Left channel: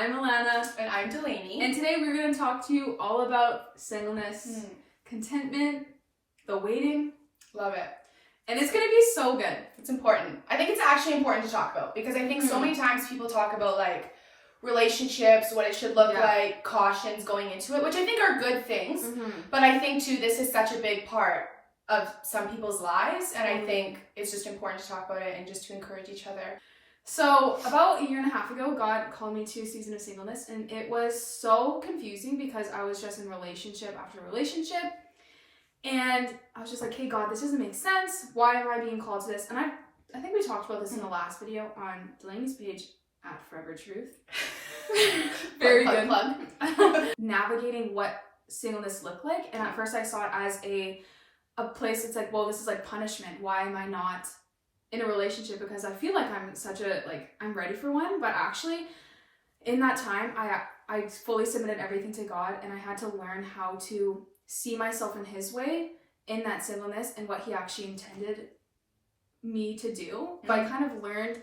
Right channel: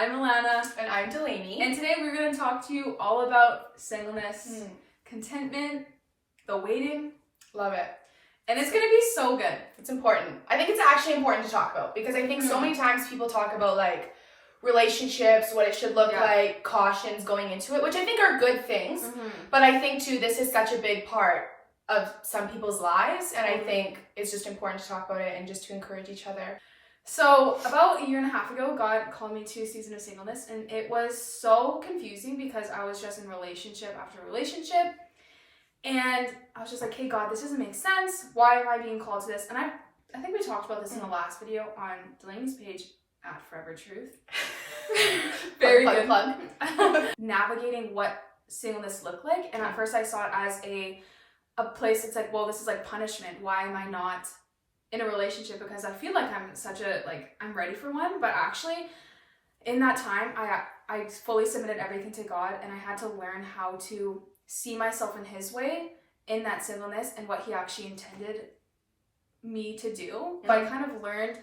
I'm Alana. And I'm Delaney. And today we're going to talk to you all about singleness, contentment, the waiting. Love it. And it's going to be so good. It's important. I think it's actually important to talk about because I think so many times people talk about like relationships, what it should look like, cautions going into it, which I think are good things. But I think too, this is such a big part of some people's lives. And I think it's just important to talk about it and just to encourage each other. So about a year and a half ago, God called me to a season of singleness, and it was so confusing because I was just in relationship after relationship, and I was just like, hey God, this doesn't make sense. Why am I being called to this? And I think we talked about this in the last video on Delaney's page at Forever Truth. Very good. Plug. Navigating what singleness looked like, and at first I saw it as a place that's like, well, this is like punishment. Why am I not in a relationship? Because I feel like I'm ready for one. But actually in that time I fully submitted everything to God, and I had to learn how to see myself in his way in that singleness and what he actually intended me to do. But I kind of learned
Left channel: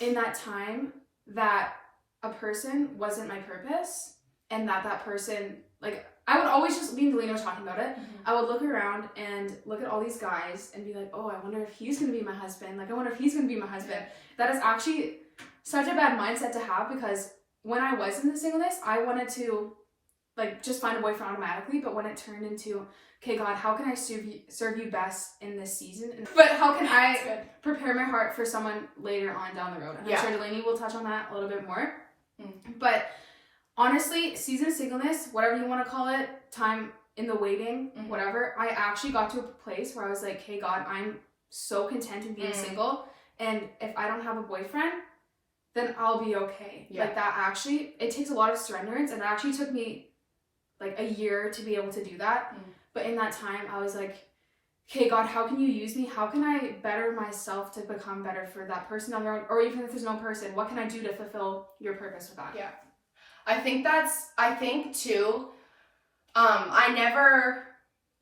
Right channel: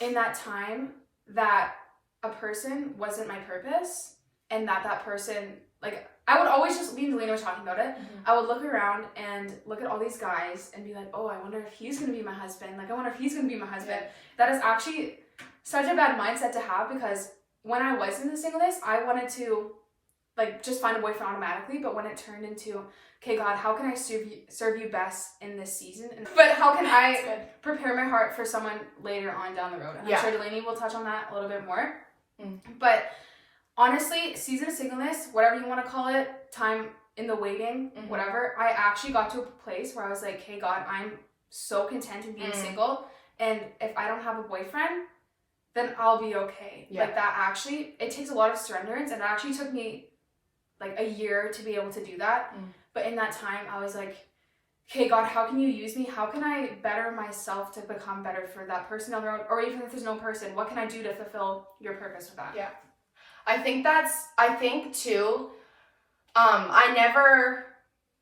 in that time that a person wasn't my purpose, and that person, like, I would always just, me and Delaney were talking about it, I would look around and look at all these guys and be like, oh, I wonder if he's going to be my husband. Like, I wonder if he's going to be my husband. Yeah. That is actually such a bad mindset to have, because when I was in the singleness, I wanted to, like, just find a boyfriend automatically. But when it turned into, okay, God, how can I serve you best in this season? But how can I prepare my heart for someone later on down the road? And I'm sure Delaney will touch on that a little bit more. But honestly, season of singleness, whatever you want to call it, time in the waiting, whatever, I actually got to a place where I was like, hey God, I'm so content in being single, and if I don't have a boyfriend, then I'll be okay. Like, that actually, it takes a lot of surrenderance, and it actually took me like a year to be able to do that. But in that time, I was like, okay, God, how can you use me? How can I better myself to become better for that person down the road? Or even if there's no person, what can I do to fulfill your purpose with that? Yeah. I think too, I never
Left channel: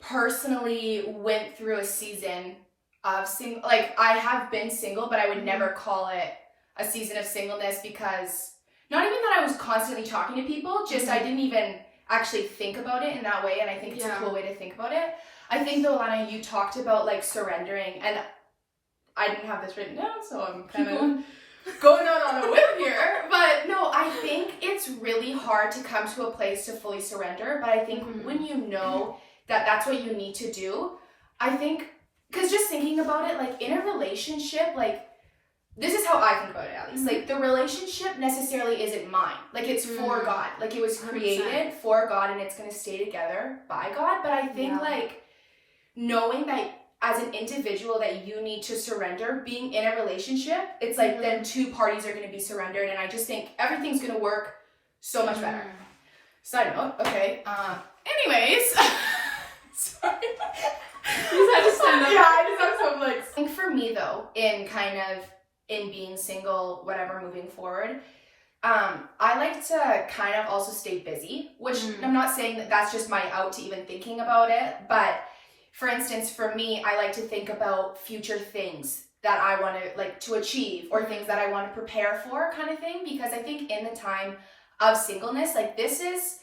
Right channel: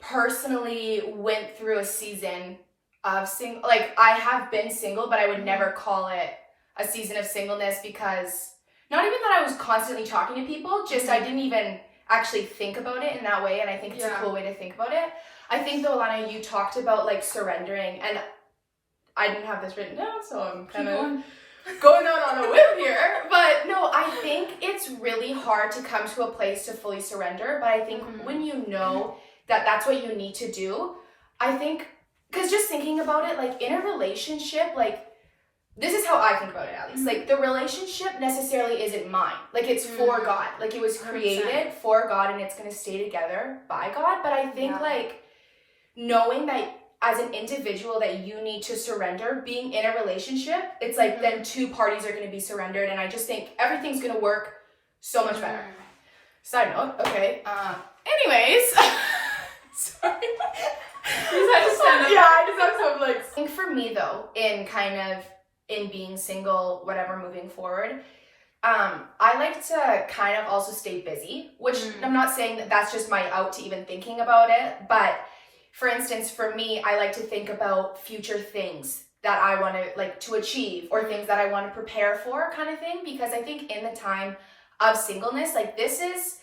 personally went through a season of single, like, I have been single, but I would never call it a season of singleness, because not even that I was constantly talking to people, just I didn't even actually think about it in that way. And I think it's a cool way to think about it. I think though, Alana, you talked about like surrendering, and I didn't have this written down, so I'm kind of going out on a whim here. But no, I think it's really hard to come to a place to fully surrender. But I think when you know that that's what you need to do, I think, because just thinking about it, like in a relationship, like, this is how I think about it, at least. Like, the relationship necessarily isn't mine. Like, it's for God. Like, it was created for God, and it's going to stay together by God. But I think, like, knowing that as an individual that you need to surrender, being in a relationship, it's like then two parties are going to be surrendered. And I just think everything's going to work so much better. Side note, okay. Anyways. Sorry. You just had to stand up. Yeah, I just have some, like, I think for me, though, in being single, whatever, moving forward, I like to kind of also stay busy, which I'm not saying that that's just my out to even thinking about it, but for instance, for me, I like to think about future things that I want to, like, to achieve, or things that I want to prepare for, kind of thing, because I think in the time of singleness, like, this is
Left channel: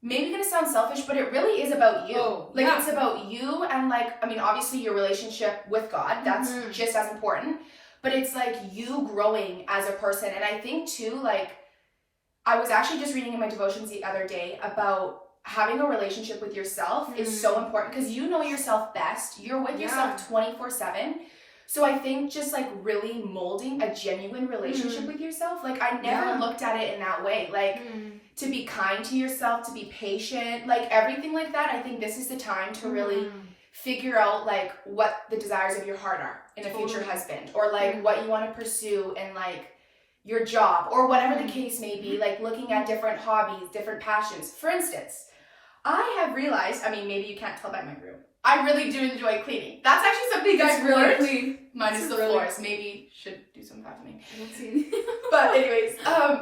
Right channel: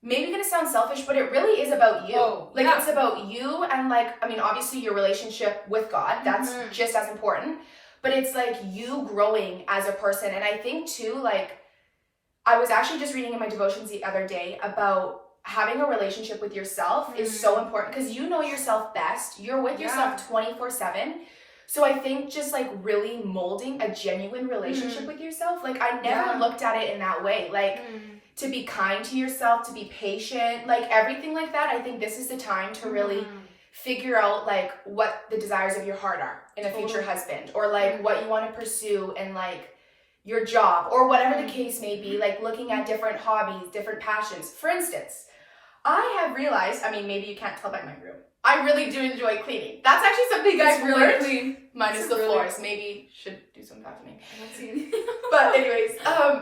maybe gonna sound selfish, but it really is about you. It's about you, and, like, I mean, obviously your relationship with God, that's just as important. But it's like you growing as a person. And I think too, like, I was actually just reading in my devotions the other day about having a relationship with yourself is so important, because you know yourself best. You're with yourself 24/7. So I think just like really molding a genuine relationship with yourself. Like, I never looked at it in that way. Like, to be kind to yourself, to be patient, like everything like that. I think this is the time to really figure out like what the desires of your heart are in a future husband, or like what you want to pursue in like your job, or whatever the case may be, like looking at different hobbies, different passions. For instance, I have realized, I mean, maybe you can't tell by my room, I really do enjoy cleaning. That's actually something that's really clean. Minus the floors. Maybe should do some vacuuming. But anyways,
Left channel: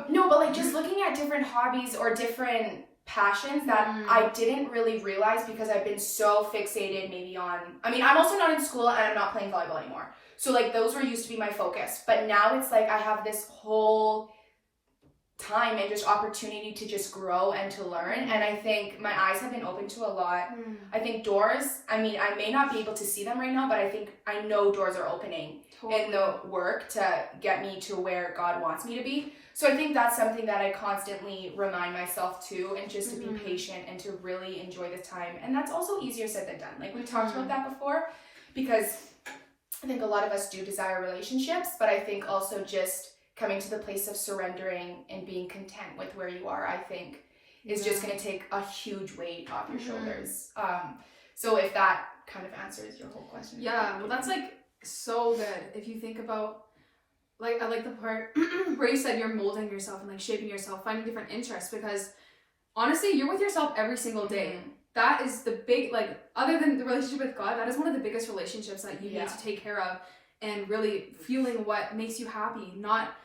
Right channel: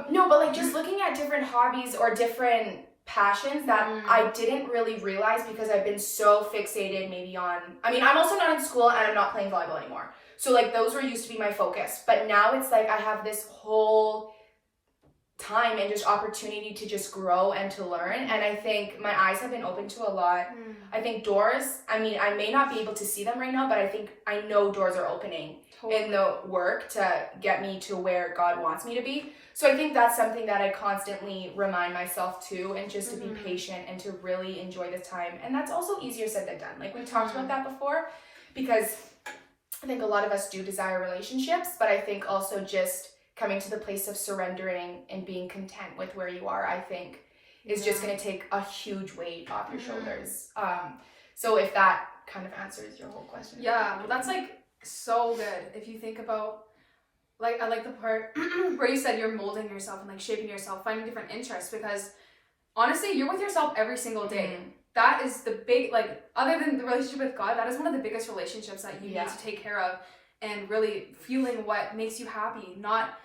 no, but like just looking at different hobbies or different passions that I didn't really realize, because I've been so fixated maybe on, I mean, I'm also not in school and I'm not playing volleyball anymore. So like those were used to be my focus. But now it's like I have this whole time and just opportunity to just grow and to learn. And I think my eyes have been opened to a lot. I think doors, I mean, I may not be able to see them right now, but I know doors are opening in the work to get me to where God wants me to be. So I think that's something that I constantly remind myself to, and just to be patient and to really enjoy the time. And that's also easier said than done. Like we talked about that before, because I think a lot of us do desire relationships, but I think also just coming to the place of surrendering and being content with where you are, I think is just going to take a huge weight off your shoulders. So if that kind of answers your whole question. Yeah, well, that's like so good. If you think about, like, I like the part where you said you're molding yourself and like shaping yourself, finding different interests, because honestly, you're with yourself every single day. That is the big, like, other than the relationship with God, that is one of the biggest relationships that you need to take care of, and really feeling what makes you happy, not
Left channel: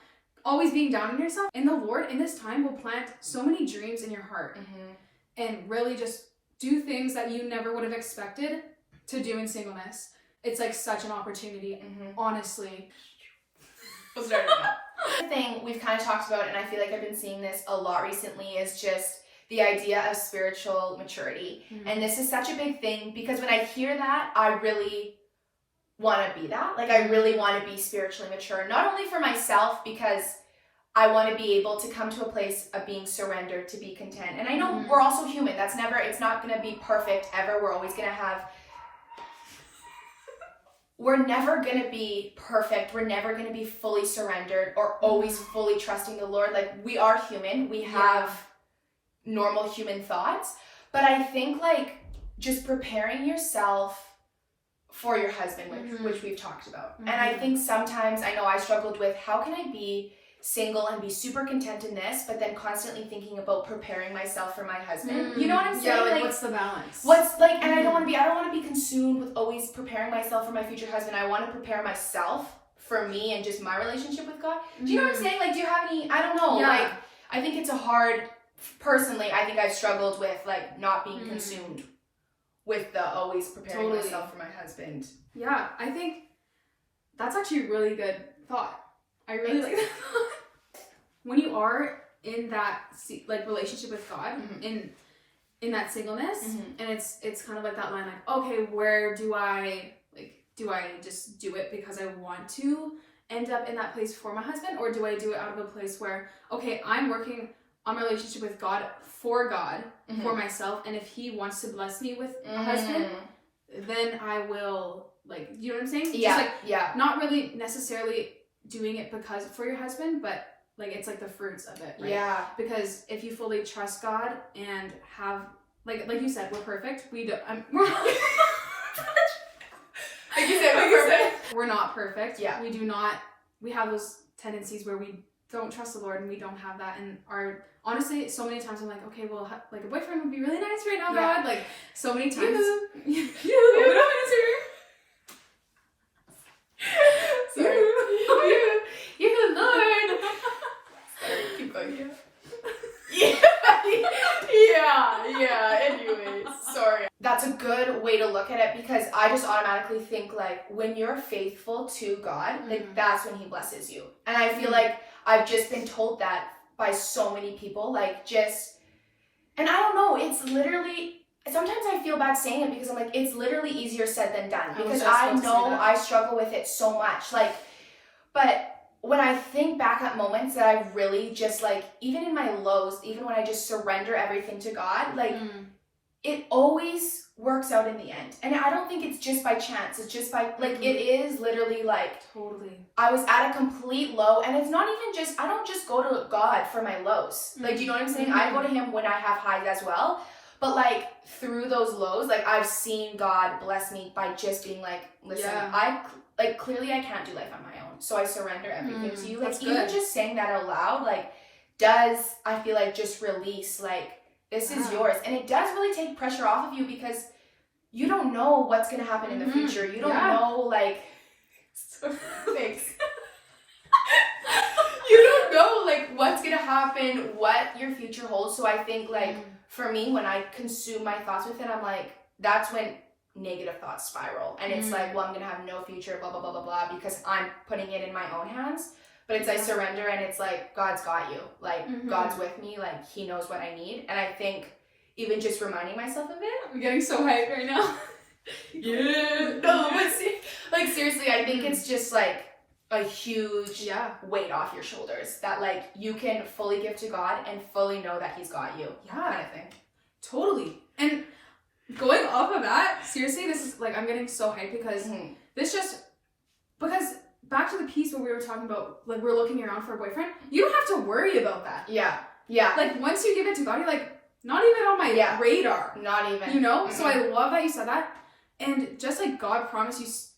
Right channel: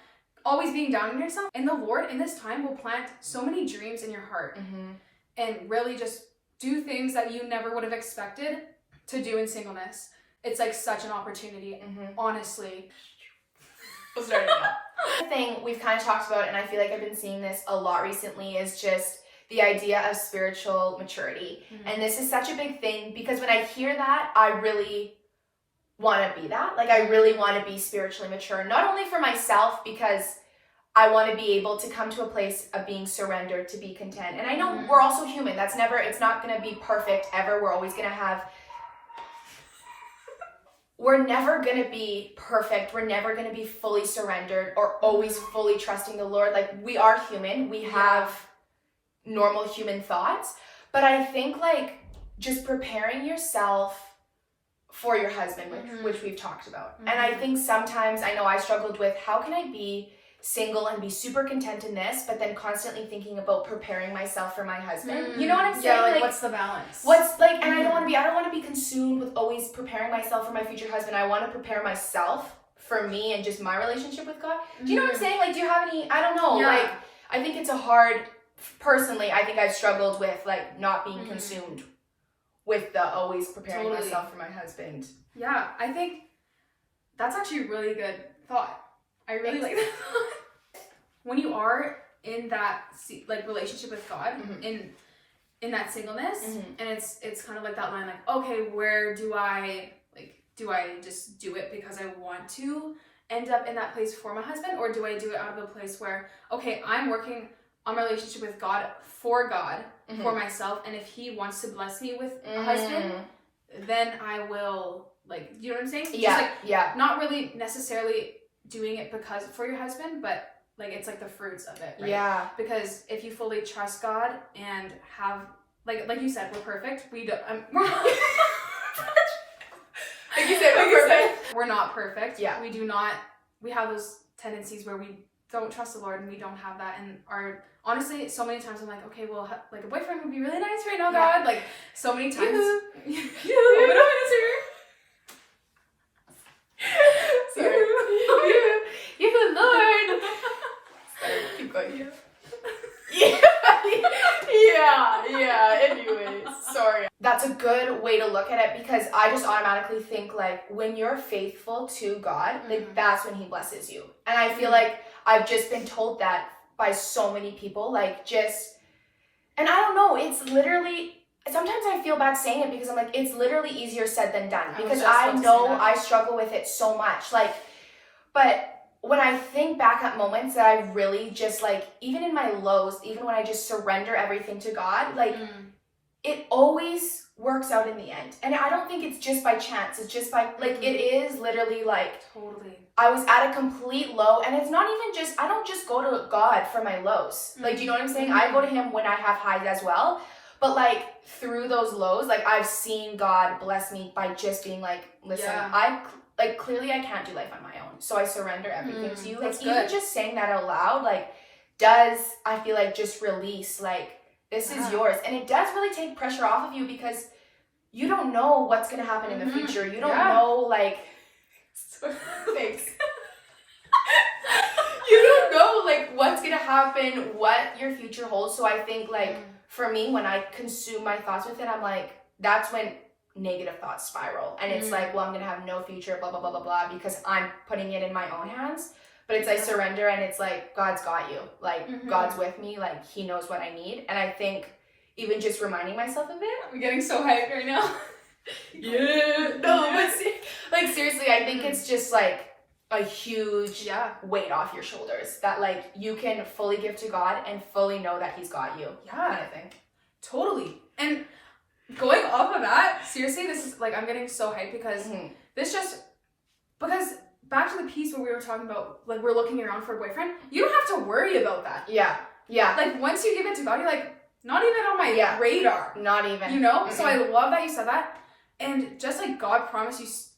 always being down on yourself. And the Lord in this time will plant so many dreams in your heart and really just do things that you never would have expected to do in singleness. It's like such an opportunity, honestly. The thing we've kind of talked about, and I feel like I've been seeing this a lot recently, is just the idea of spiritual maturity. And this is such a big thing, because when I hear that, I really want to be that. Like, I really want to be spiritually mature, not only for myself, because I want to be able to come to a place of being surrendered, to be content. And I know we're also human. It's not going to be perfect ever. We're always going to have, we're never going to be perfect. We're never going to be fully surrendered or always fully trusting the Lord. Like, we are human. We have normal human thoughts. But I think, like, just preparing yourself for your husband, which we've talked about. And I think sometimes, I know I struggled with, how can I be single and be super content in this, but then constantly thinking about preparing myself for my husband. You know what I'm saying? Yeah, like what's the balance? What's like, and I don't want to be consumed with always preparing myself for my future husband. I want to prepare myself for me and just my relationship with God. Do you know what I'm saying? Like, do you have any, I don't know, like, I think it's a hard, personally, I think I've struggled with, like, not being consumed with the always preparing myself for my husband. Yeah, I think that's actually a really good thought. I really like that. When you are in that like relationship with God, in that singleness, and it's kind of like that line, like, okay, where do I just do it because I want to end up in that place for my husband, or do I do it out of a place where, okay, I'm working on my relationship with God, for myself, and if he wants to bless me with a husband, then I will, like, you know what I'm saying? Yeah, just like, not really necessarily doing it because for your husband, but like, it's like the fruits of it, right? Yeah. Because if you fully trust God and have, like you said, we're perfect. We're not. Like you said, we're perfect. We're not perfect. Yeah. We have those tendencies where we don't trust the Lord, and we don't have that. And honestly, so many times I'm like, okay, well, like, a boyfriend would be really nice right now, God. Like, so many times. Sorry. You Lord. Sorry, keep going. Anyways, sorry. That's a good way to look at it, because I just automatically think, like, when you're faithful to God, like, that's when he blesses you. And I feel like I've just been told that by so many people, like, just, and I don't know, it's literally, sometimes I feel bad saying it, because I'm like, it's literally easier said than done, because I know I struggle with it so much, like, but when I think back at moments that I really just, like, even in my lows, even when I just surrender everything to God, like, it always works out in the end. And I don't think it's just by chance. It's just by, like, it is literally, like, I was at a complete low, and it's not even just, I don't just go to God for my lows. Like, do you know what I'm saying? I go to him when I have highs as well. But, like, through those lows, like, I've seen God bless me by just being like, listen, like, clearly I can't do life on my own, so I surrender everything to you. Like, even just saying that out loud, like, does, I feel like, just release, like, this is yours. And it does really take pressure off of you, because you don't know what's going to happen in the future. You don't know, like, thanks. You don't know, like, what's going to happen, what your future holds. So I think, like, for me, when I consume my thoughts with it, I'm like, that's when negative thoughts spiral. And it's like, well, I'm going to have no future, blah, blah, blah, blah, blah, because I'm putting it in my own hands. but it's I surrender, and it's like God's got you, like God's with me, like He knows what I need. And I think even just reminding myself of it, I'm getting so hyped right now. yeah, no, but like seriously, I think it's just like a huge weight off your shoulders that like you can fully give to God and fully know that He's got you. Yeah, kind of thing. Totally. And going off of that, seriously, this is like I'm getting so hyped because because back to the piece where we were talking about like we're looking around for a boyfriend, you don't have to worry about that. Yeah. Like once you give it to God, you're like not even on my radar. Not even. You know? So I love that you said that. And just like God promises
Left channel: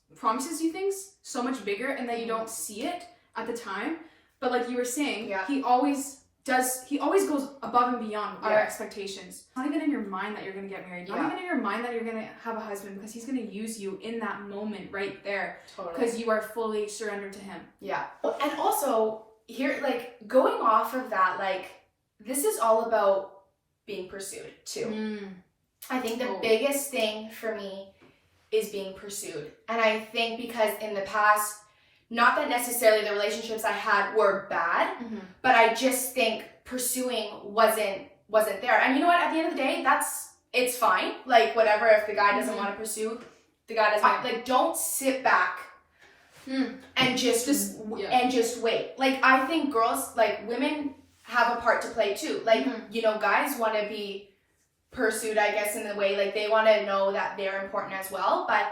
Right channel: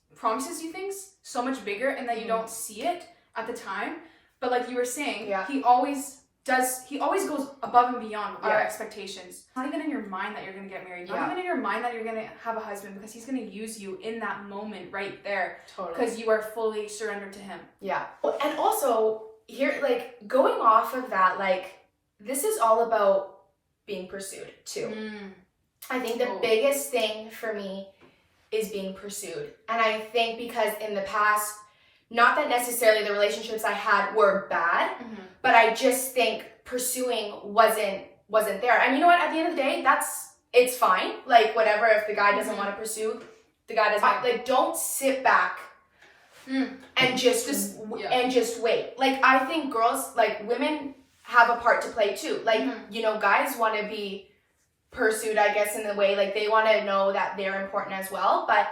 you things so much bigger and that you don't see it at the time. But like you were saying, he always goes above and beyond our expectations. Not even in your mind that you're going to get married. Not even in your mind that you're going to have a husband, because He's going to use you in that moment right there. Totally. Because you are fully surrendered to Him. Yeah. And also, here, like, going off of that, like, this is all about being pursued, too. I think the biggest thing for me is being pursued. And I think because in the past, not that necessarily the relationships I had were bad, but I just think pursuing wasn't there. And you know what? At the end of the day, it's fine. Like, whatever, if the guy doesn't want to pursue, the guy doesn't. Like, don't sit back and just wait. Like, I think girls, like, women have a part to play too. Like, you know, guys want to be pursued, I guess, in the way, like, they want to know that they're important as well. But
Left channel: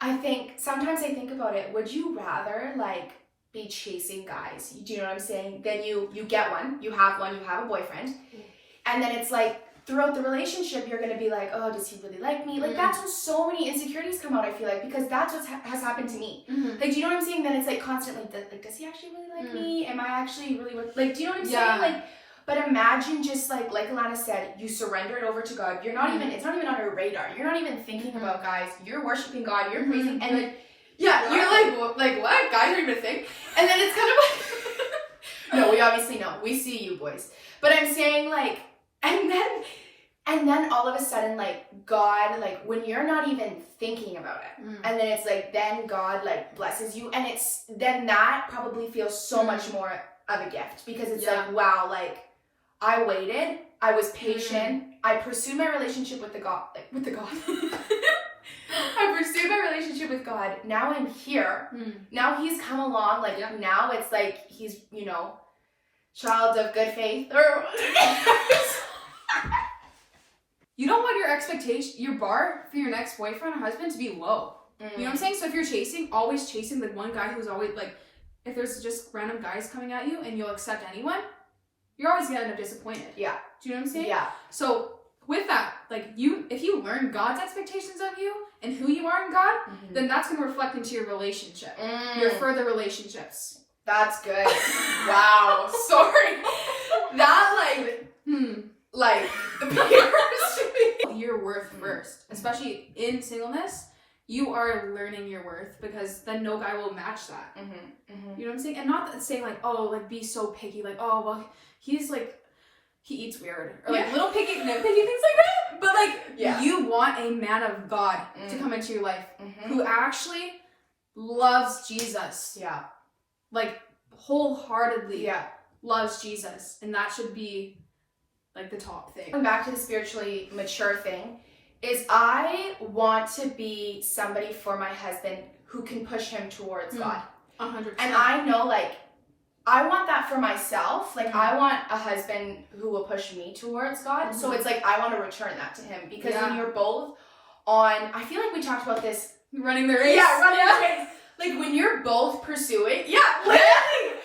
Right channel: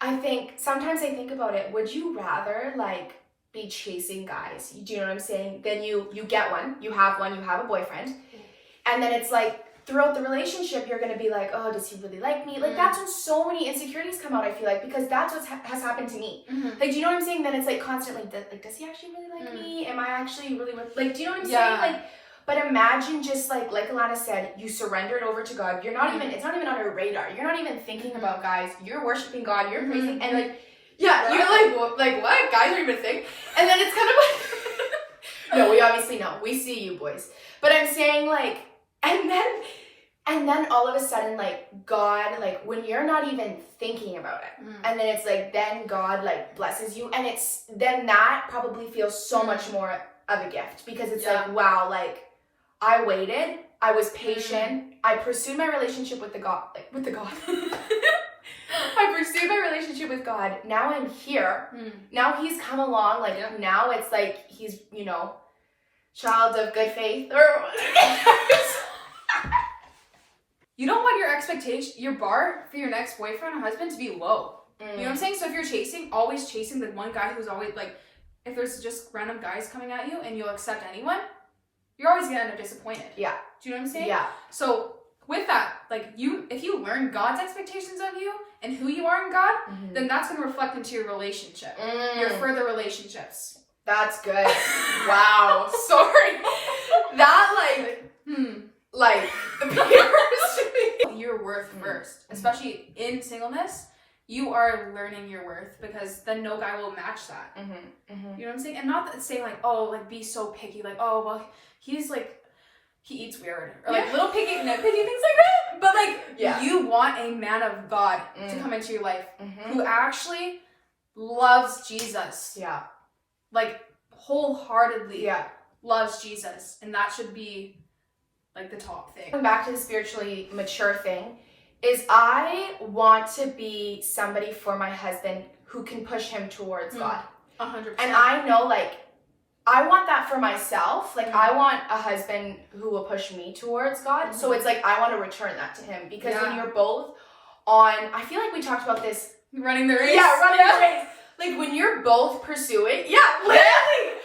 I think sometimes I think about it, would you rather like be chasing guys, do you know what I'm saying, then you get one, you have a boyfriend, and then it's like throughout the relationship you're gonna be like, oh, does he really like me? Like that's when so many insecurities come out, I feel like, because that's what has happened to me. Like, do you know what I'm saying? Then it's like constantly like, does he actually really like me? Am I actually really like, do you know what I'm saying? Like, but imagine just like Alana said, you surrender it over to God. You're not even, it's not even on your radar. You're not even thinking about guys. You're worshiping God. You're praising, and like, you're like, what? Guys don't even think. And then it's kind of like, no, we obviously know. We see you boys. But I'm saying like, and then all of a sudden, like, God, like, when you're not even thinking about it, and then it's like, then God like blesses you, and it's, then that probably feels so much more of a gift, because it's like, wow, like, I waited, I was patient, I pursued my relationship with God. I pursued my relationship with God. Now I'm here. Now He's come along. Like, now it's like He's, you know, child of good faith, or you don't want your bar for your next boyfriend or husband to be low. You know what I'm saying? So if you're always chasing the one guy who's always like, if there's just random guys coming at you and you'll accept anyone, you're always gonna end up disappointed. Yeah. Do you know what I'm saying? Yeah. So with that, like, if you learn God's expectations on you and who you are in God, then that's gonna reflect into your relationship, your further relationships. That's good. Wow. Sorry. That like your worth first, especially in singleness. You are learning your worth, because then no guy will match that. You know what I'm saying? And not saying like, oh, like, be so picky, like, oh, well, he's like, he eats weird, or like little picky, nitpicky things like that. But like, you want a man of God to come into your life who actually loves Jesus. Yeah. Like, wholeheartedly loves Jesus. And that should be like the top thing. Going back to the spiritually mature thing, is I want to be somebody for my husband who can push him towards God. 100%. And I know, like, I want that for myself. Like, I want a husband who will push me towards God. So it's like, I want to return that to him. Because when you're both on, I feel like we talked about this. Running the race. Yeah, running the race. Like, when you're both pursuing, literally.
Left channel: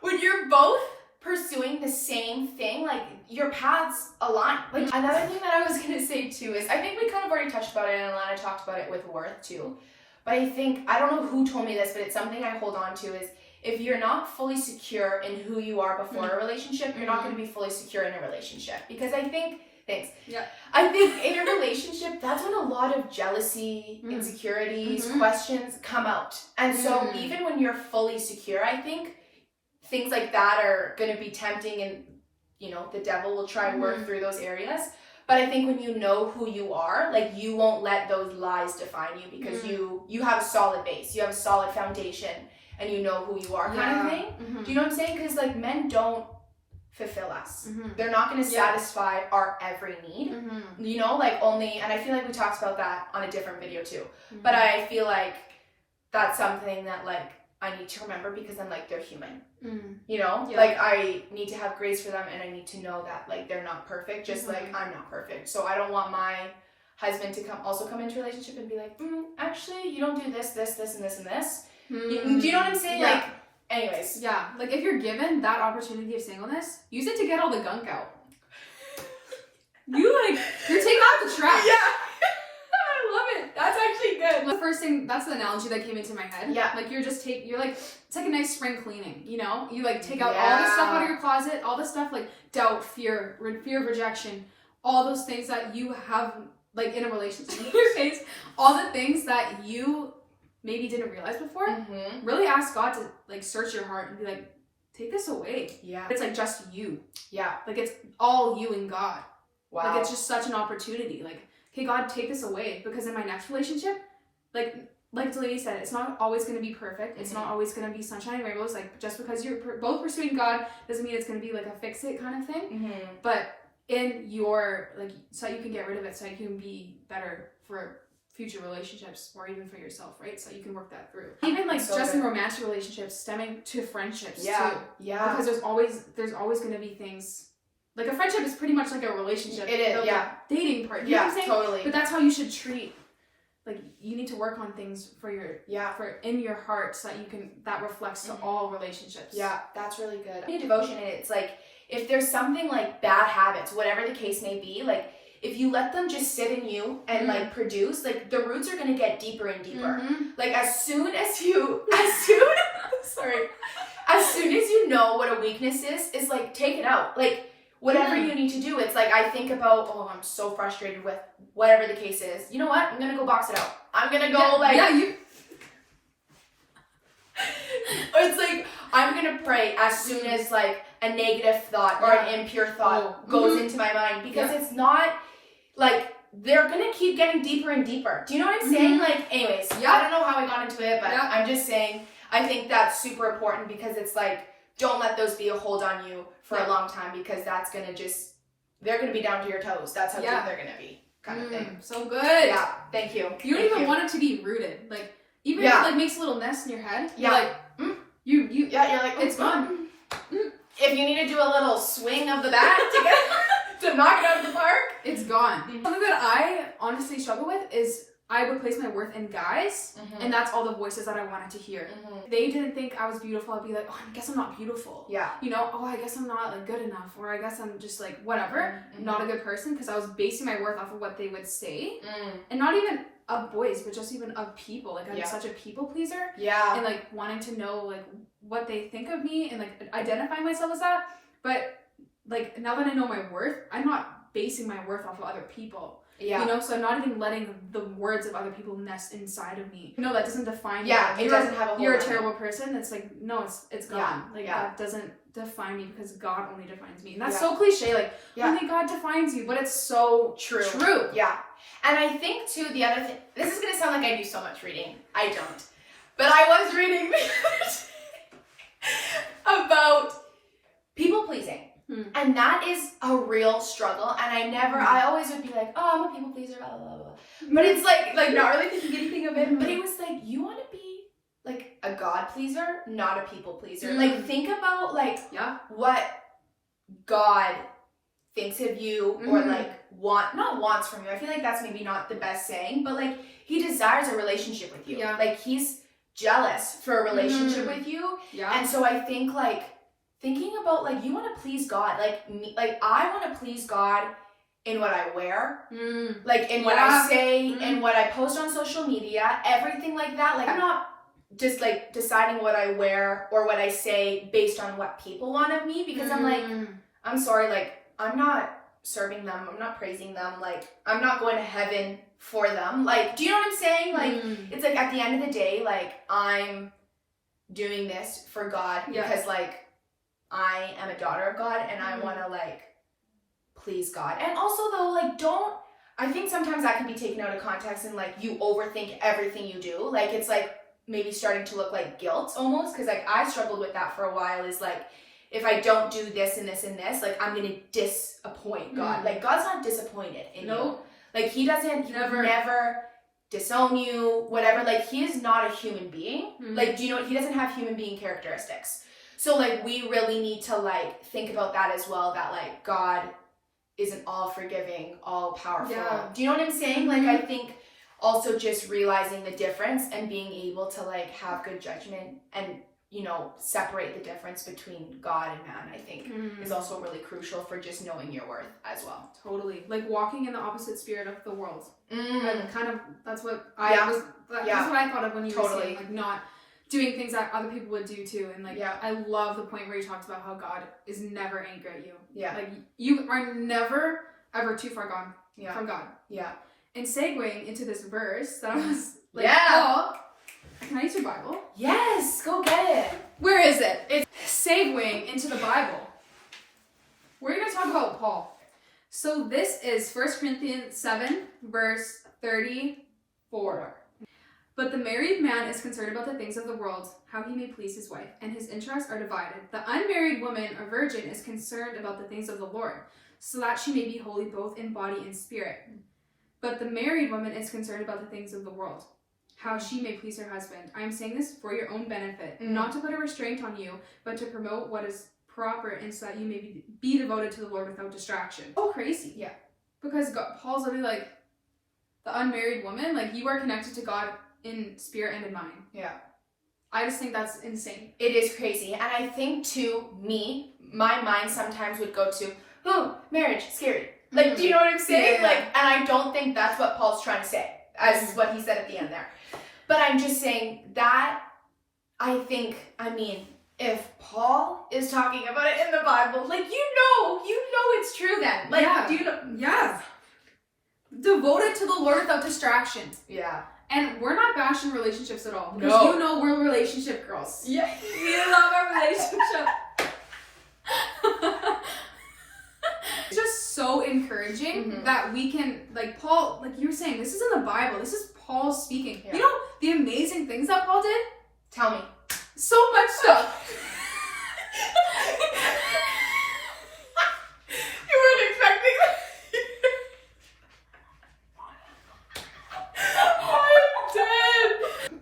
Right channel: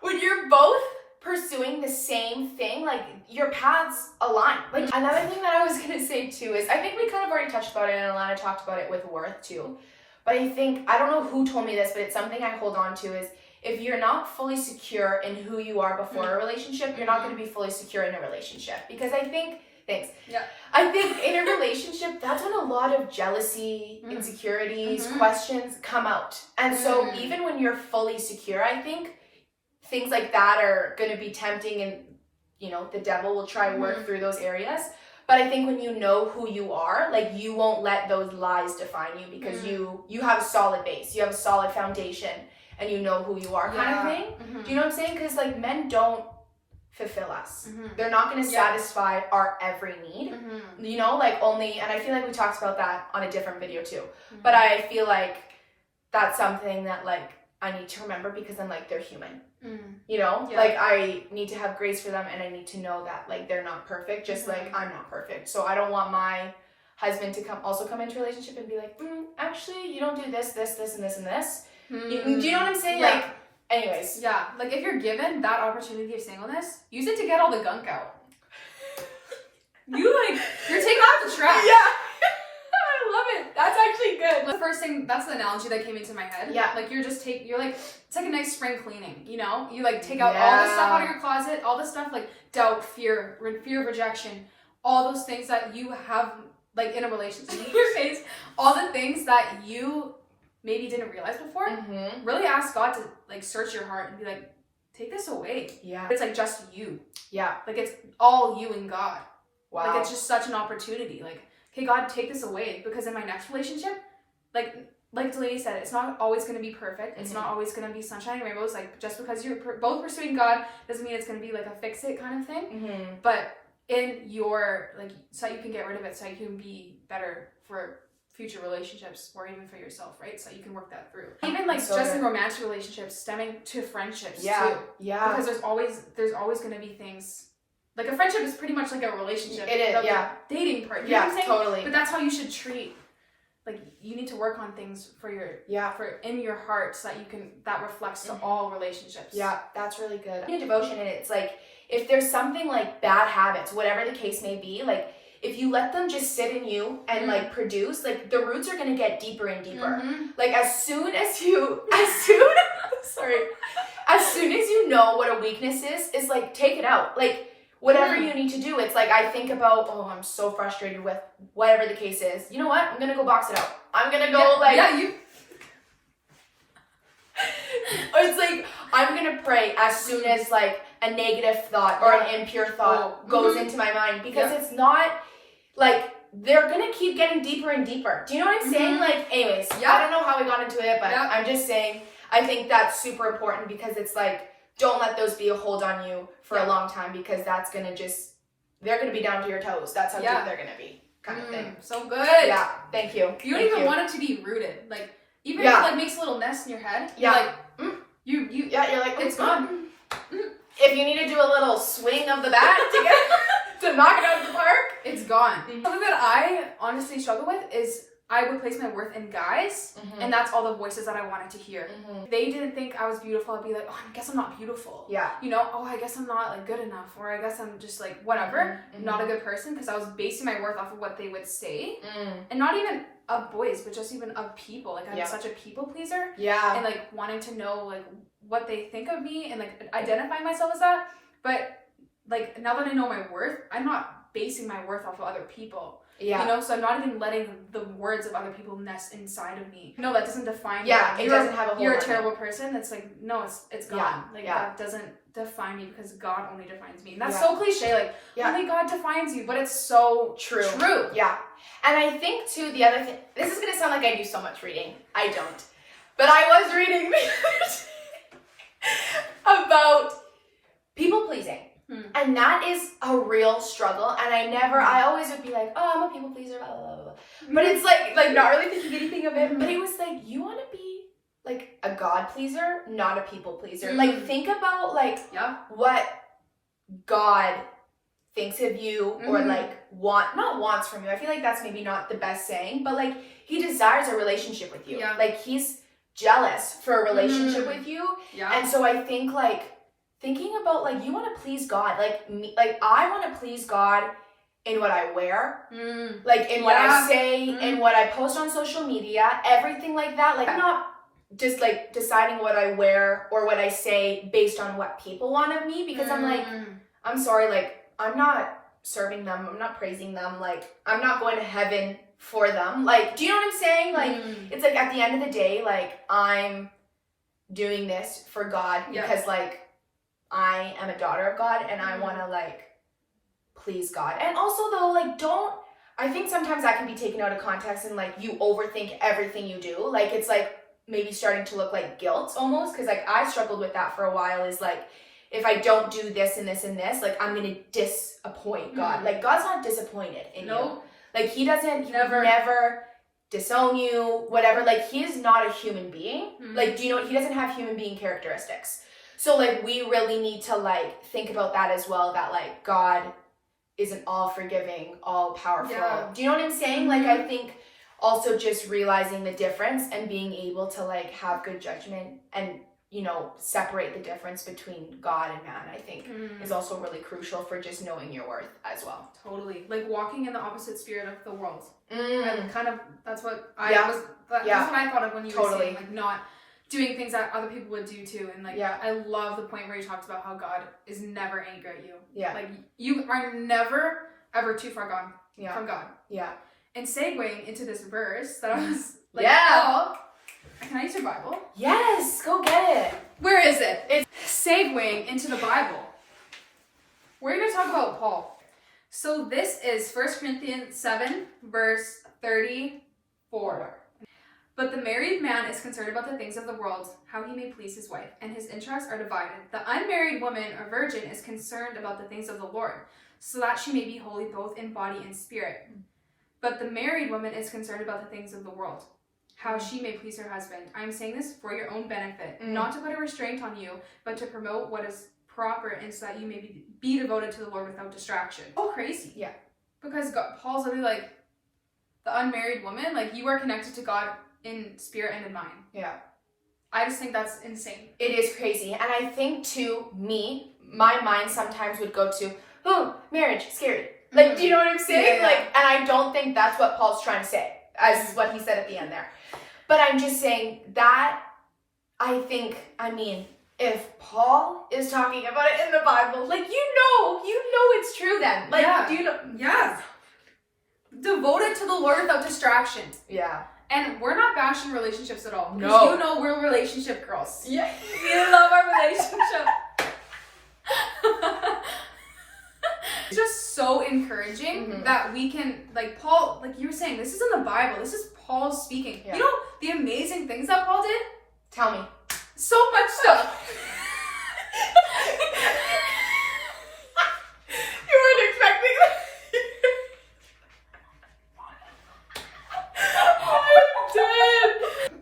When you're both pursuing the same thing, like, your paths align. Like, another thing that I was gonna say too is, I think we kind of already touched about it, and Alana talked about it with worth too, but I think, I don't know who told me this, but it's something I hold on to, is if you're not fully secure in who you are before a relationship, you're not going to be fully secure in a relationship. Because I think, I think in a relationship, that's when a lot of jealousy, insecurities, questions come out. And so even when you're fully secure, I think things like that are going to be tempting, and, you know, the devil will try and work through those areas. But I think when you know who you are, like, you won't let those lies define you, because you have a solid base, you have a solid foundation. and you know who you are kind of thing. Do you know what I'm saying? Because like men don't fulfill us. They're not going to satisfy our every need. You know, like only, and I feel like we talked about that on a different video too. But I feel like that's something that like I need to remember because I'm like, they're human. You know, like I need to have grace for them, and I need to know that like they're not perfect, just like I'm not perfect. So I don't want my husband to come into a relationship and be like, actually, you don't do this, this, this, and this, and this. Do you know what I'm saying? Like, anyways. Yeah, like if you're given that opportunity of singleness, use it to get all the gunk out. You're taking out the trash. Yeah. I love it. That's actually good. The first thing, that's the analogy that came into my head. Yeah. Like you're like, it's like a nice spring cleaning, you know? You like take out all the stuff out of your closet, all the stuff like doubt, fear of rejection, all those things that you have like in a relationship in your face, all the things that you maybe didn't realize before. Really ask God to like search your heart and be like, take this away. Yeah. It's like just you. Yeah. Like it's all you and God. Wow. Like it's just such an opportunity. Like, okay, God, take this away, because in my next relationship, like Delaney said, it's not always going to be perfect. It's not always going to be sunshine and rainbows. Like just because you're both pursuing God doesn't mean it's going to be like a fix it kind of thing. But in your like, so you can get rid of it, so you can be better for future relationships, or even for yourself, right? So you can work that through. Even like just in romantic relationships, stemming to friendships too. Yeah. Because there's always going to be things. Like a friendship is pretty much like a relationship. It is, yeah. Dating part. You know what I'm saying? Totally. But that's how you should treat. Like you need to work on things for in your heart, so that that reflects to all relationships. Yeah, that's really good. In devotion, and it's like if there's something like bad habits, whatever the case may be, like if you let them just sit in you and like produce, like the roots are gonna get deeper and deeper. Like as soon as you know what a weakness is like take it out. Like whatever you need to do, it's like I think about, oh, I'm so frustrated with whatever the case is. You know what? I'm gonna go box it out. I'm gonna go it's like I'm gonna pray as soon as like a negative thought or an impure thought goes into my mind, because it's not like they're gonna keep getting deeper and deeper. Do you know what I'm saying? Like, anyways, I don't know how we got into it, but I'm just saying I think that's super important, because it's like don't let those be a hold on you for a long time, because that's gonna they're gonna be down to your toes. That's how deep they're gonna be, kind of thing. So good. Yeah, thank you. You don't even want it to be rooted. Like even if it like makes a little nest in your head, you're like, you're like, it's gone. If you need to do a little swing of the bat to knock it out of the park, it's gone. Something that I honestly struggle with is I would place my worth in guys, and that's all the voices that I wanted to hear. If they didn't think I was beautiful, I'd be like, oh, I guess I'm not beautiful. Yeah. You know, oh, I guess I'm not like good enough, or I guess I'm just like whatever, not a good person, because I was basing my worth off of what they would say, and not even of boys, but just even of people. Like I'm such a people pleaser. Yeah. And like wanting to know like what they think of me and like identify myself as that. But like now that I know my worth, I'm not basing my worth off of other people. Yeah. You know, so I'm not even letting the words of other people nest inside of me. No, that doesn't define me. Yeah, it doesn't have a whole You're a terrible person. It's like, no, it's gone. That doesn't define me, because God only defines me. And that's so cliche, like, only God defines you, but it's so true. Yeah. And I think, too, the other thing, this is going to sound like I do so much reading. I don't. But I was reading about people pleasing. And that is a real struggle. And I always would be like, oh, I'm a people pleaser, blah, blah, blah. But it's like not really thinking anything of it. But it was like, you want to be like a God pleaser, not a people pleaser. Like think about like what God thinks of you, or like not wants from you. I feel like that's maybe not the best saying, but like he desires a relationship with you. Yeah. Like he's jealous for a relationship with you. Yeah. And so I think like thinking about like you want to please God, like me, like I want to please God in what I wear, like in what I say, in what I post on social media, everything like that. Like I'm not just like deciding what I wear or what I say based on what people want of me, because I'm like, I'm sorry, like I'm not serving them, I'm not praising them, like I'm not going to heaven for them. Like, do you know what I'm saying? Like it's like at the end of the day, like I'm doing this for God because like I am a daughter of God, and I want to like please God. And also though, like I think sometimes that can be taken out of context, and like you overthink everything you do. Like it's like maybe starting to look like guilt almost, because like I struggled with that for a while, is like, if I don't do this and this and this, like I'm gonna disappoint God. Like God's not disappointed in you. Like he doesn't never disown you, whatever. Like he is not a human being. Like, do you know, he doesn't have human being characteristics. So like we really need to like think about that as well, that like God isn't all forgiving, all powerful. Do you know what I'm saying? Like I think also just realizing the difference and being able to like have good judgment and, you know, separate the difference between God and man, I think is also really crucial for just knowing your worth as well. Totally. Like walking in the opposite spirit of the world. And kind of, that's what that's what I thought of when you were saying, like not doing things that other people would do too. And like, I love the point where you talked about how God is never angry at you. Like you are never ever too far gone from God. And segueing into this verse that I was like, oh, can I use your Bible? Yes, go get it. Where is it? It's segueing into the Bible. We're going to talk about Paul. So this is 1 Corinthians 7, verse 34. But the married man is concerned about the things of the world, how he may please his wife, and his interests are divided. The unmarried woman or virgin is concerned about the things of the Lord, so that she may be holy both in body and spirit. But the married woman is concerned about the things of the world, how she may please her husband. I am saying this for your own benefit, not to put a restraint on you, but to promote what is proper, and so that you may be devoted to the Lord without distraction. Oh, crazy. Yeah. Because Paul's really like, the unmarried woman, like you are connected to God in spirit and in mind. Yeah. I just think that's insane. It is crazy. And I think too, my mind sometimes would go to, oh, marriage, scary. Like, do you know what I'm saying? Like, and I don't think that's what Paul's trying to say, as what he said at the end there. But I'm just saying that I think, I mean, if Paul is talking about it in the Bible, like, you know it's true then. Like, do you know? Yeah. Devoted to the Lord without distractions. Yeah. And we're not bashing relationships at all. Because No. you know we're relationship girls. Yeah. We love our relationship. It's just so encouraging that we can, like Paul, like you were saying, this is in the Bible. This is Paul speaking. Yeah. You know the amazing things that Paul did? Tell me. So much stuff. You weren't expecting that.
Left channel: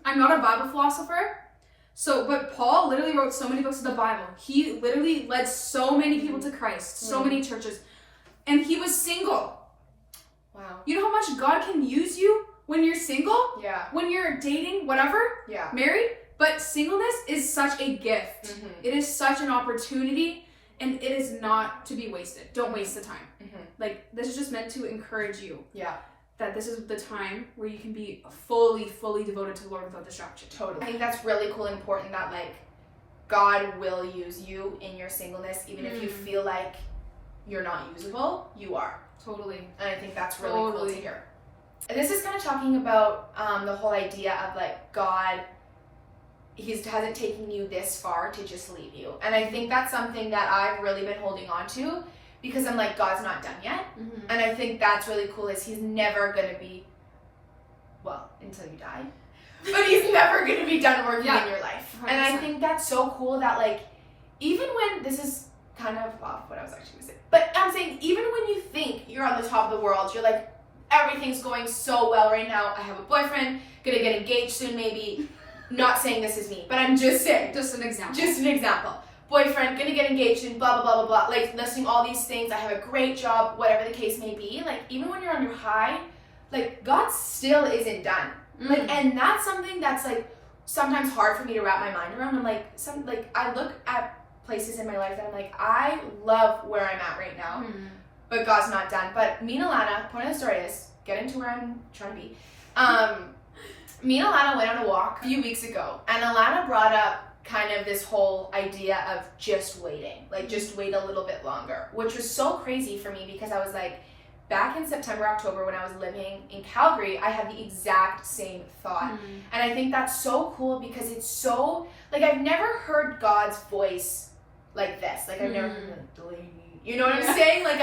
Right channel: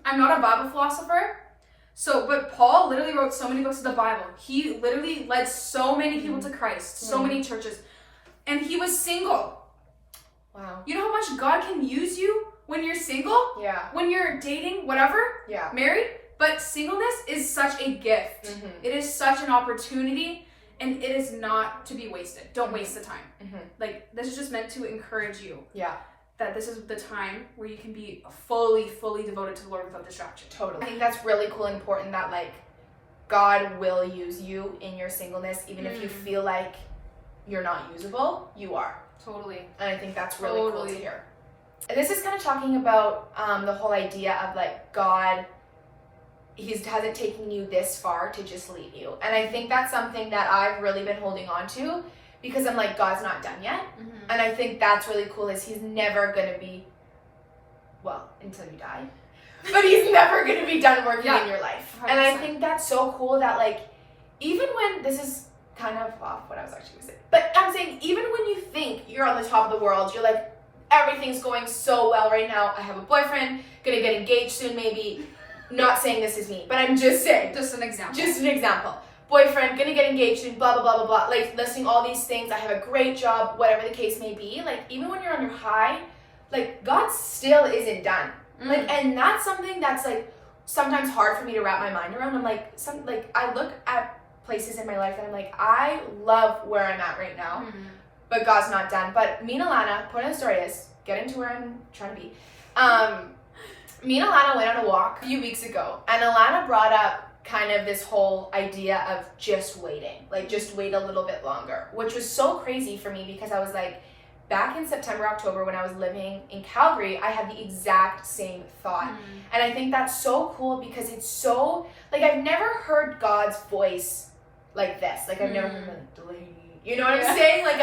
I'm not a Bible philosopher, but Paul literally wrote so many books of the Bible. He literally led so many people to Christ, so many churches, and he was single. Wow. You know how much God can use you when you're single? Yeah. When you're dating, whatever? Yeah. Married? But singleness is such a gift. It is such an opportunity, and it is not to be wasted. Don't waste the time. Like, this is just meant to encourage you. Yeah. That this is the time where you can be fully devoted to the Lord without distraction. Totally. I think that's really cool and important that, like, God will use you in your singleness, even if you feel like you're not usable, you are. Totally. And I think that's really cool to hear. And this is kind of talking about the whole idea of, like, God, he hasn't taken you this far to just leave you. And I think that's something that I've really been holding on to, because I'm like, God's not done yet. And I think that's really cool, is he's never going to be, well, until you die, but he's never going to be done working in your life. 100%. And I think that's so cool that, like, even when, this is kind of off what I was actually going to say, but I'm saying, even when you think you're on the top of the world, you're like, everything's going so well right now, I have a boyfriend, gonna get engaged soon maybe, not saying this is me, but I'm just saying. Just an example. Just an example. Boyfriend, gonna get engaged in blah, blah, blah, blah, blah. Like, listing all these things. I have a great job, whatever the case may be. Like, even when you're on your high, like, God still isn't done. Like, and that's something that's, like, sometimes hard for me to wrap my mind around. I'm like, I look at places in my life and I'm like, I love where I'm at right now, but God's not done. But me and Alana, point of the story is, getting to where I'm trying to be. Me and Alana went on a walk a few weeks ago, and Alana brought up kind of this whole idea of just waiting, like just wait a little bit longer, which was so crazy for me, because I was like, back in September, October, when I was living in Calgary, I had the exact same thought. And I think that's so cool, because it's so, like, I've never heard God's voice like this. Like, I've never heard like, Delaney, you know what I'm saying? Like,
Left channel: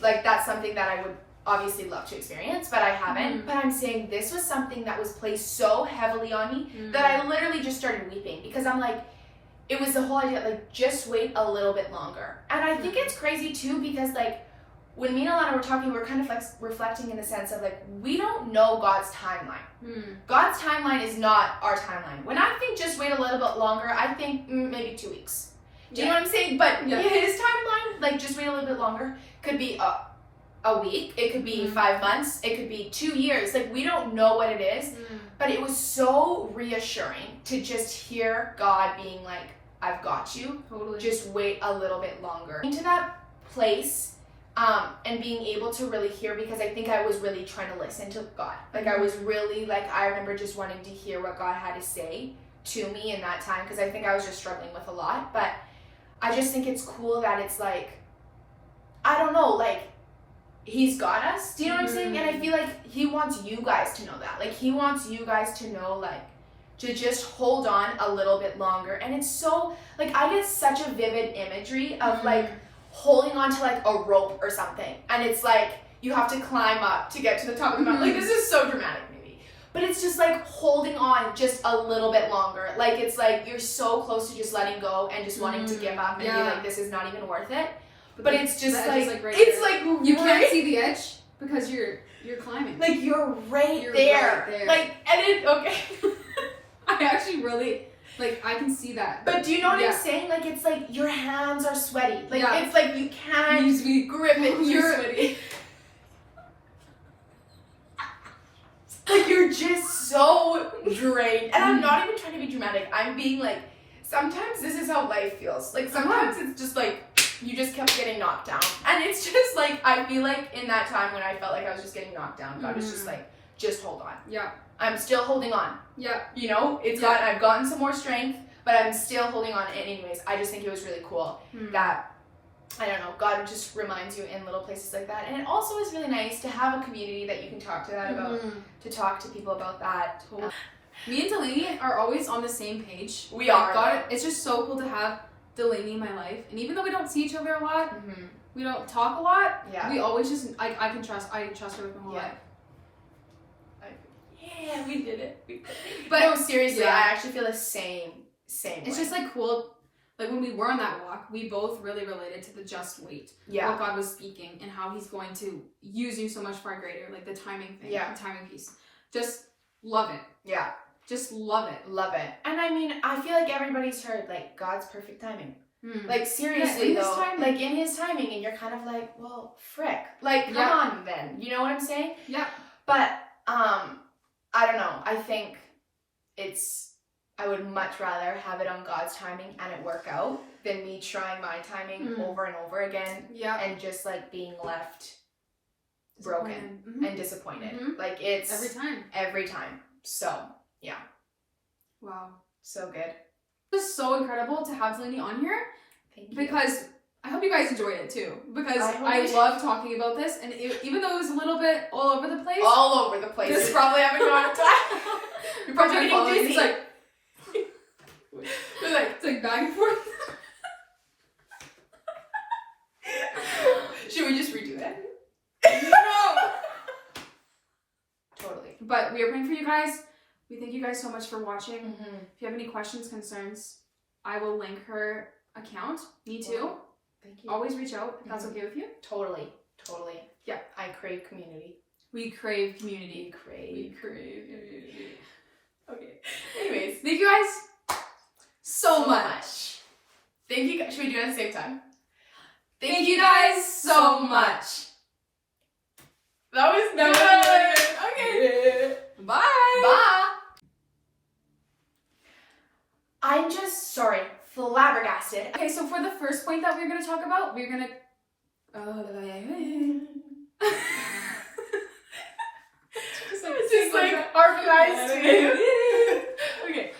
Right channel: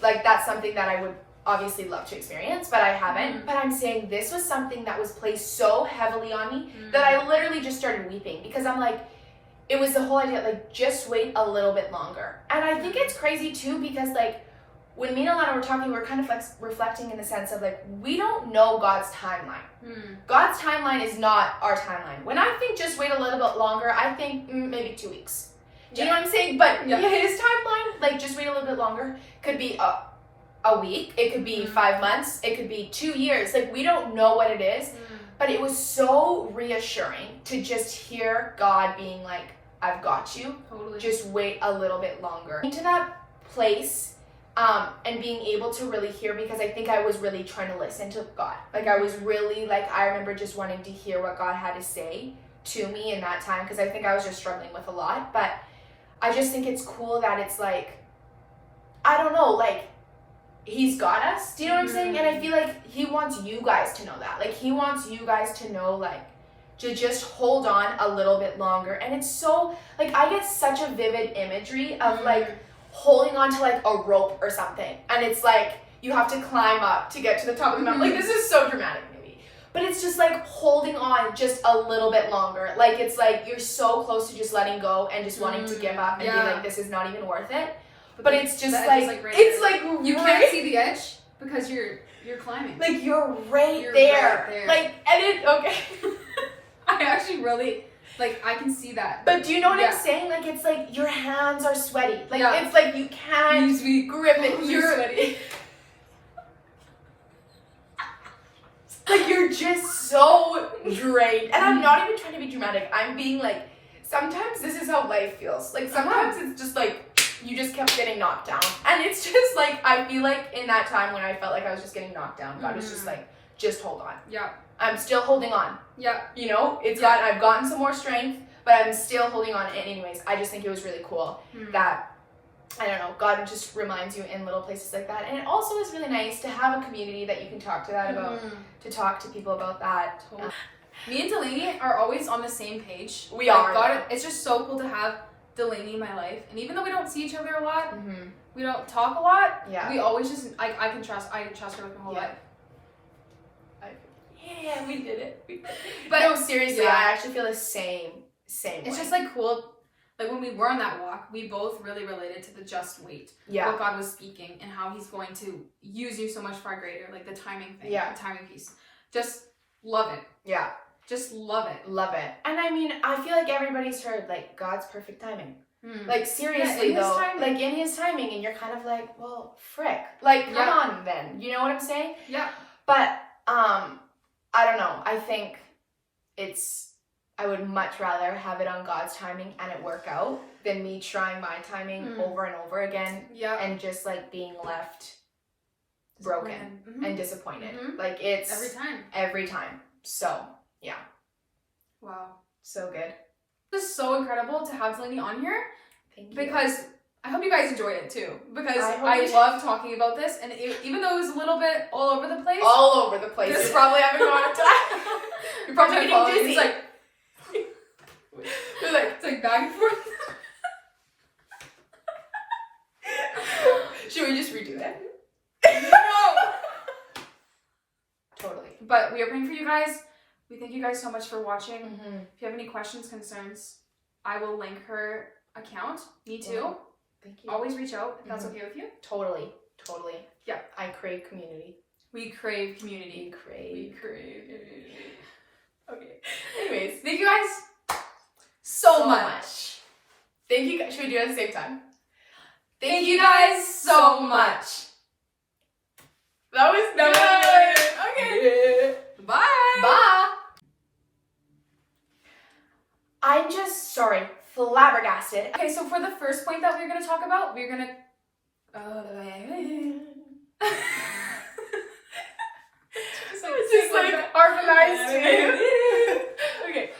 like, that's something that I would obviously love to experience, but I haven't. But I'm saying this was something that was placed so heavily on me that I literally just started weeping, because I'm like, it was the whole idea, like, just wait a little bit longer. And I think it's crazy too, because like, when me and Alana were talking, we're kind of like reflecting in the sense of like, we don't know God's timeline. God's timeline is not our timeline. When I think just wait a little bit longer, I think maybe 2 weeks. Do you know what I'm saying? But his timeline, like, just wait a little bit longer, could be a week, it could be 5 months, it could be 2 years. Like, we don't know what it is, but it was so reassuring to just hear God being like, I've got you. Totally. Just wait a little bit longer. Into that place, and being able to really hear, because I think I was really trying to listen to God. Like, I was really, like, I remember just wanting to hear what God had to say to me in that time, because I think I was just struggling with a lot. But I just think it's cool that it's like, I don't know, like, he's got us. Do you know what I'm saying? And I feel like he wants you guys to know that. Like, he wants you guys to know, like, to just hold on a little bit longer. And it's so, like, I get such a vivid imagery of, like, holding on to, like, a rope or something. And it's like, you have to climb up to get to the top of the mountain. Like, this is so dramatic, maybe. But it's just, like, holding on just a little bit longer. Like, it's like, you're so close to just letting go and just wanting to give up and be like, this is not even worth it. But it's just like right it's there. like you can't see the edge because you're climbing. Like, you're right there. Like, and it, okay. I actually really, like, I can see that. But do you know what I'm saying? Like, it's like your hands are sweaty. Like, it's like you can't grip it. You're sweaty. Like, you're just so drained. And I'm not even trying to be dramatic. I'm being like, sometimes this is how life feels. Like, sometimes it's just like, you just kept getting knocked down. And it's just like, I feel like in that time when I felt like I was just getting knocked down, God was just like, just hold on. Yeah. I'm still holding on. Yeah. You know, I've gotten some more strength, but I'm still holding on. And anyways, I just think it was really cool that, I don't know, God just reminds you in little places like that. And it also is really nice to have a community that you can talk to that about, to talk to people about that. Totally. Me and Delaney are always on the same page. We are. God, it's just so cool to have Delaney in my life. And even though we don't see each other a lot, we don't talk a lot, we always just, I can trust her with my whole life. Yeah, we did it. But no, seriously, I actually feel the same way. It's just like cool. Like, when we were on that walk, we both really related to the just wait. Yeah. What God was speaking and how he's going to use you so much far greater. Like, the timing thing. Yeah. The timing piece. Just love it. Yeah. Just love it. Love it. And I mean, I feel like everybody's heard, like, God's perfect timing. Like, seriously, though. Like, in his timing. And you're kind of like, well, frick. Like, come on, then. You know what I'm saying? Yeah. But, I don't know. I think I would much rather have it on God's timing and it work out than me trying my timing over and over again and just, like, being left broken and disappointed. Like, it's every time. So, yeah. Wow. So good. It was so incredible to have Delaney on here. Thank you. Because I hope you guys enjoyed it too, because I love talking about this, and even though it was a little bit all over the place. All over the place. It's probably having a hard time. You're probably getting dizzy. It's like back and forth. Should we just redo it? No! Totally. But we are praying for you guys. We thank you guys so much for watching. If you have any questions, concerns, I will link her account. Me too. Thank you. Always reach out if that's okay with you. Totally. Yeah. I crave community. We crave community. We crave community. Okay. Anyways, thank you guys so much. Thank you guys. Should we do it at the same time? Thank you guys so much. That was good. Okay. Bye. Bye. I'm just flabbergasted. Okay, so for the first point that we're going to talk about, we're going to... It's like harmonized. Okay.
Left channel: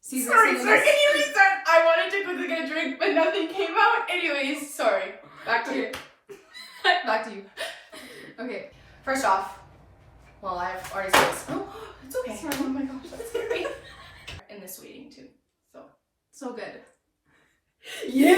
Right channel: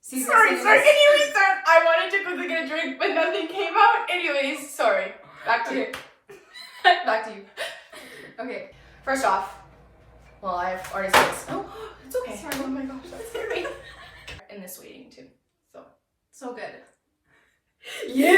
Sorry, can you restart? I wanted to quickly get a drink, but nothing came out. Anyways, sorry. Back to you. Back to you. Okay. First off, well, I've already said this. Oh, it's okay. Sorry, oh my gosh, that's scary. In this waiting too. So good. Yeah!